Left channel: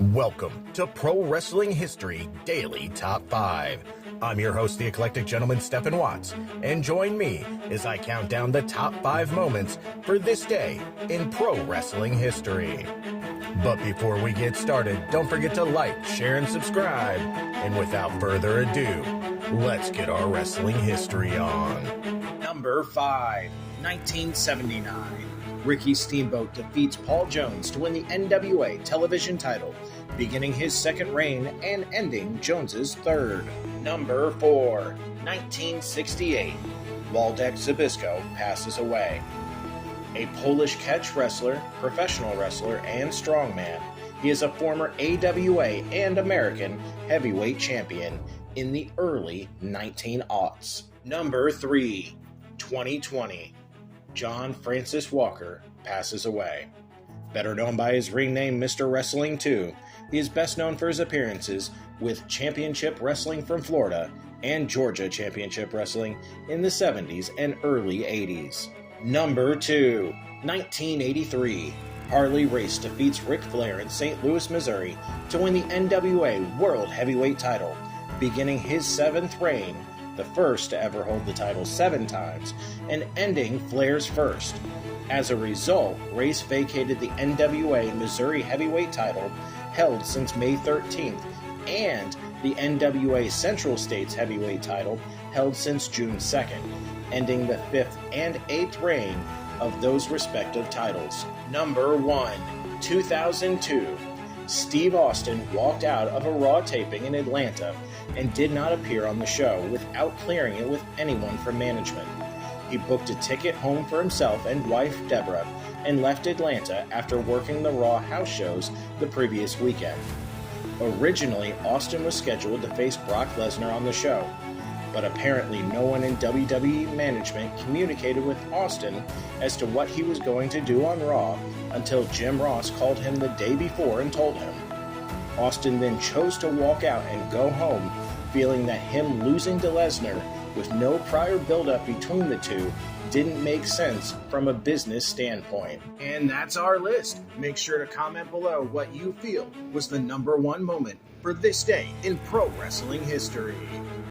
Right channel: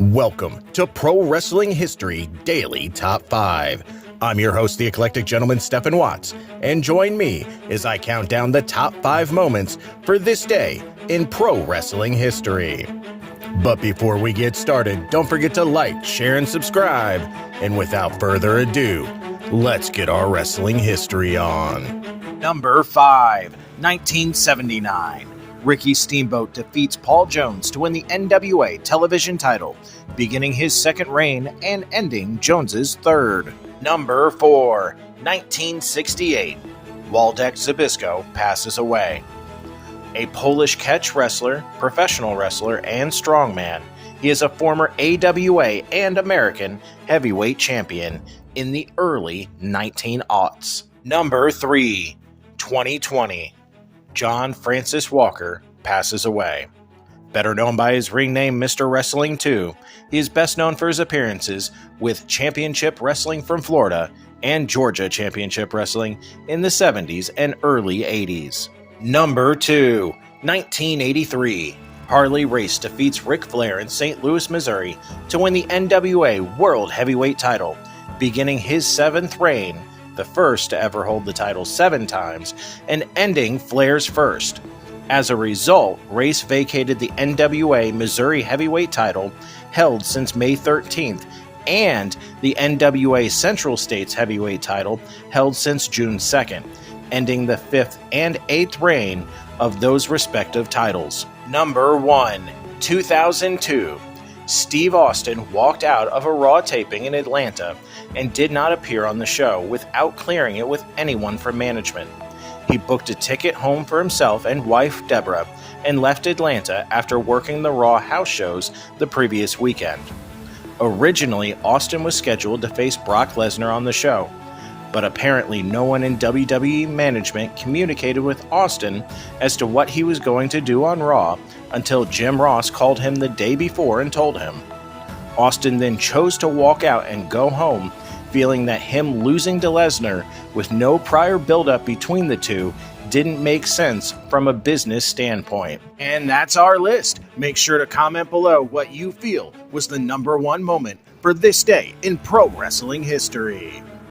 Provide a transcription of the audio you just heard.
Welcome to Pro Wrestling History Daily Top 5. I'm your host, the eclectic gentleman, Stephen Watts, and join me as I count down the top 5 moments for this day in pro wrestling history. But before we get started, don't forget to like, share, and subscribe. And without further ado, let's get our wrestling history on. Number 5, 1979. Ricky Steamboat defeats Paul Jones to win the NWA television title, beginning his second reign and ending Jones's third. Number 4, 1968. Waldek Zabisco passes away. A Polish catch wrestler, professional wrestler, and strongman, he is a former AWA and American heavyweight champion in the early 1900s. Number 3, 2020. John Francis Walker passes away. Better known by his ring name Mr. Wrestling 2, he is best known for his appearances with Championship Wrestling from Florida and Georgia Championship Wrestling in the 70s and early 80s. Number 2, 1983. Harley Race defeats Ric Flair in St. Louis, Missouri to win the NWA World Heavyweight title, beginning his 7th reign, the first to ever hold the title 7 times, and ending Flair's first. As a result, Race vacated the NWA Missouri Heavyweight title, held since May 13th, and the NWA Central States Heavyweight title, held since June 2nd, ending the 5th and 8th reign of those respective titles. Number 1, 2002. Steve Austin walked out of a Raw taping in Atlanta and did not appear on the show without clearing it with anyone from management. He booked a ticket home for himself and wife Deborah and left Atlanta after working the Raw house shows the previous weekend. Originally, Austin was scheduled to face Brock Lesnar on the show, but apparently no one in WWE management communicated with Austin as to what he was going to do on Raw until Jim Ross called him the day before and told him. Austin then chose to walk out and go home, feeling that him losing to Lesnar with no prior build-up between the two didn't make sense from a business standpoint. And that's our list. Make sure to comment below what you feel was the number 1 moment for this day in pro wrestling history.